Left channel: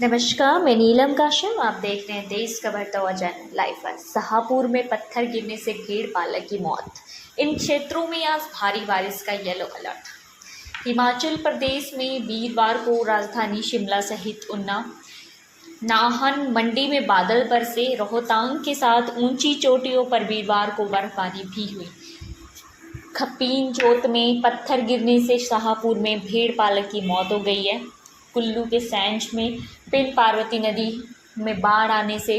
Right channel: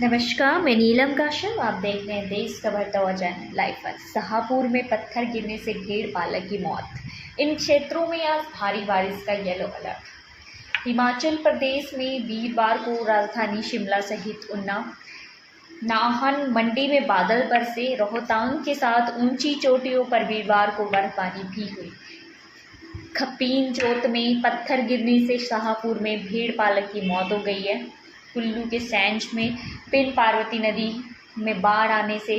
नमस्कार, मैं नीलम काशम। आप देख रहे हैं देश का बढ़ता हुआ चैनल लाइफ आज। शाहपुर में पत्थर गिरने से भेड़ पालक की मौत। इन क्षेत्रों में आज भारी बारिश का येलो अलर्ट। हिमाचल प्रदेश में वीरवार को राजधानी शिमला सहित ऊना, नाहन, मंडी में बादल बरसे। रोहतांग के साथ ऊंची चोटियों पर वीरवार को बर्फबारी भी हुई। खपीन जोत में पत्थर गिरने से शाहपुर में भेड़ पालक की मौत हो गई है। कुल्लू के सैंज में पिन पार्वती नदी में बाढ़ आने से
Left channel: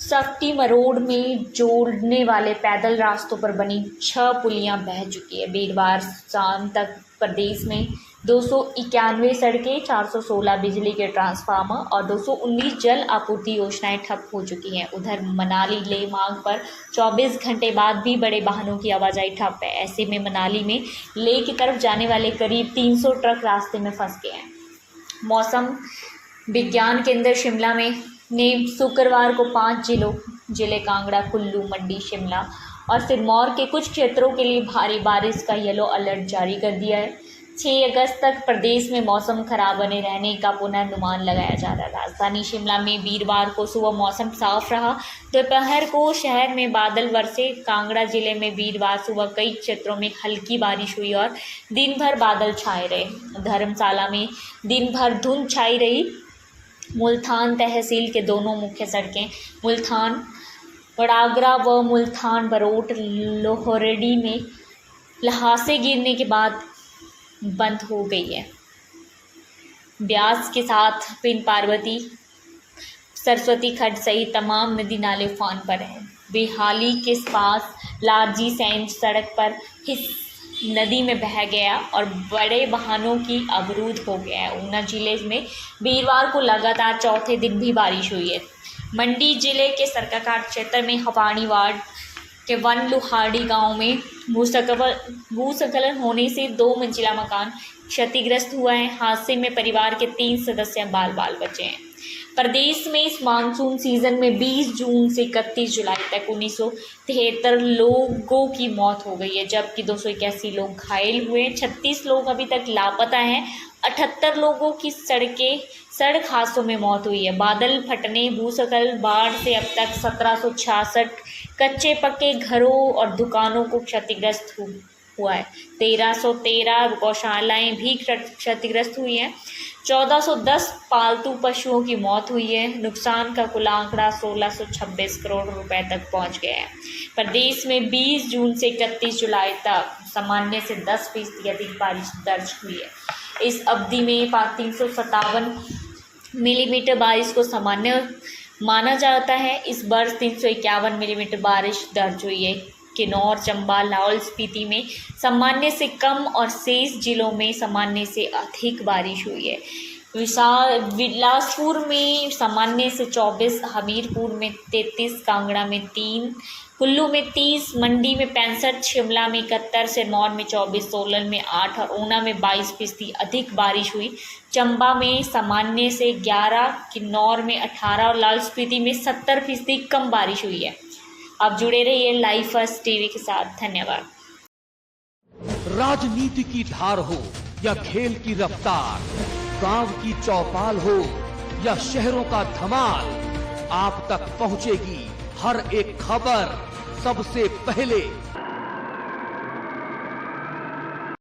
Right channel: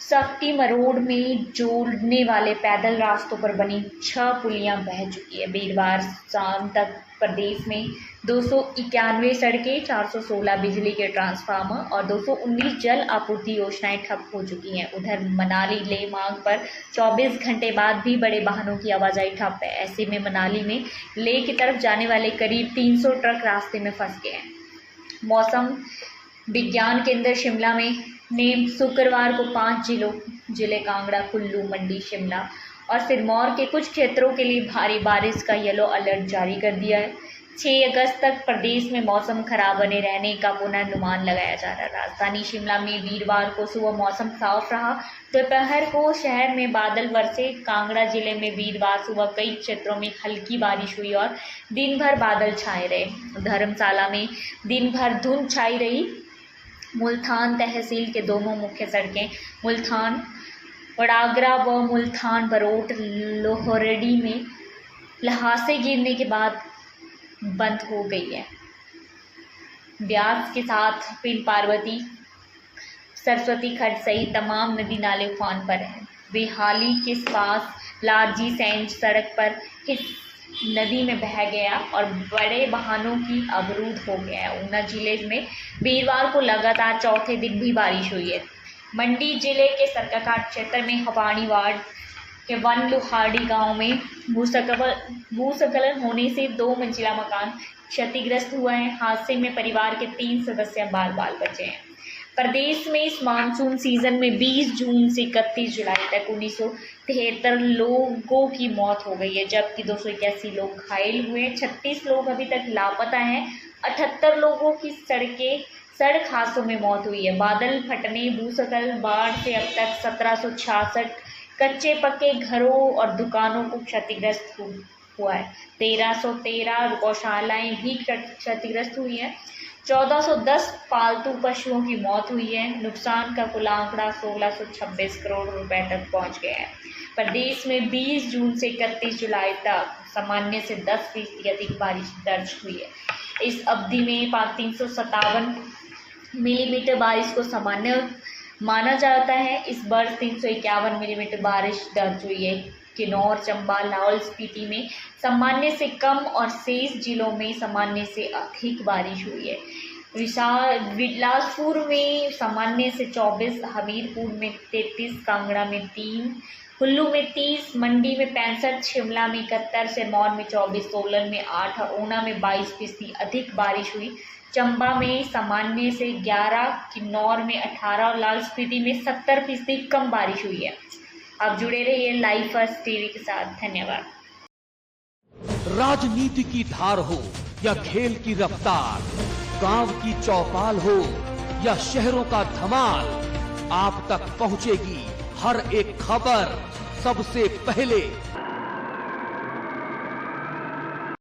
सफ्टी मरोड़ में जोड़ने वाले पैदल रास्तों पर बनी 6 पुलियां बह चुकी है। वीरवार शाम तक प्रदेश में 291 सड़कें, 416 बिजली के ट्रांसफार्मर और 219 जल आपूर्ति योजनाएं ठप हो चुकी हैं। उधर मनाली ले मार्ग पर 24 घंटे बाद भी बड़े वाहनों की आवाजाही ठप है। ऐसे में मनाली में ले की तरफ जाने वाले करीब 300 ट्रक रास्ते में फंस गए हैं। मौसम विज्ञान केंद्र शिमला में ने शुक्रवार को 5 जिले कांगड़ा, कुल्लू, मंडी, शिमला और सिरमौर के कुछ क्षेत्रों के लिए भारी बारिश का येलो अलर्ट जारी कर दिया है। 6 अगस्त तक प्रदेश में मौसम खराब बने रहने का पूर्वानुमान लगाया जा रहा है। राजधानी शिमला में वीरवार को सुबह मौसम साफ रहा। दोपहर को शहर में बादल बरसे। कांगड़ा जिले में वीरवार सुबह कई क्षेत्रों में हल्की बारिश हुई और दिन भर बादल छाए रहे। धर्मशाला में दिन भर धुंध छाई रही। मुल्तान तहसील के दोनों मुख्य सड़कें मुल्तान वडागरा व मुल्तान बरोट लोहरडी में ल्हासे गिरने के बाद बंद हो गई है। ब्यास के साथ पिन पार्वती, सरस्वती खड्ड सहित तमाम नदी नाले उफान पर हैं। बेहाली के पास लारजी सैंज सड़क पर नदी में बह गया और बड़े वाहनों की अवरुद्ध हो गया है। ऊना जिले में वीरवार को लगातार चौथे दिन भी बारिश हुई है। मंडी जिले के सरकाघाट क्षेत्र में हवानी वार्ड के वन लुहाड़ी गांव में भूस्खलन होने से 2 मंजिला मकान क्षतिग्रस्त हुआ है। हादसे में परिवार के 3 सदस्य बाल बचे हैं। प्रदेश में इस मानसून सीजन में 20 जून से 31 जुलाई तक 1973 लोगों की मौत हो गई है, जबकि 281 लोग घायल हुए हैं। 36 लोग अभी तक लापता हैं। 78 लोगों की सड़क हादसों में मौत हुई है। बादल फटने, भूस्खलन, बाढ़ से अब तक 1766 कच्चे पक्के घरों और दुकानों को क्षतिग्रस्त हुआ है। 1313 गौशालाएं भी क्षतिग्रस्त हुई हैं। 1410 पालतू पशुओं की मौत हुई है। नुकसान का कुल आंकड़ा 1626 करोड़ रुपए तक पहुंच गया है। प्रदेश में 20 जून से 31 जुलाई तक सामान्य से 10% अधिक बारिश दर्ज हुई है। इस अवधि में 357 मिलीमीटर बारिश को सामान्य माना जाता है। इस वर्ष 351 मिलीमीटर बारिश दर्ज हुई है। किन्नौर, चंबा, लाहौल स्पीति में सामान्य से कम और शेष जिलों में सामान्य से अधिक बारिश हुई है। बिलासपुर में सामान्य से 24, हमीरपुर में 33, कांगड़ा में 3, कुल्लू में 30, मंडी में 65, शिमला में 71, सिरमौर में 24, सोलन में 8 और ऊना में 22% अधिक बारिश हुई। चंबा में सामान्य से 11, किन्नौर में 18 और लाहौल स्पीति में 70% कम बारिश हुई है। आप जुड़े रहिए लाइव फर्स्ट टीवी के साथ। धन्यवाद। राजनीति की धार हो या खेल की रफ्तार, गांव की चौपाल हो या शहरों का धमाल, आप तक पहुंचेगी हर एक खबर सबसे पहले।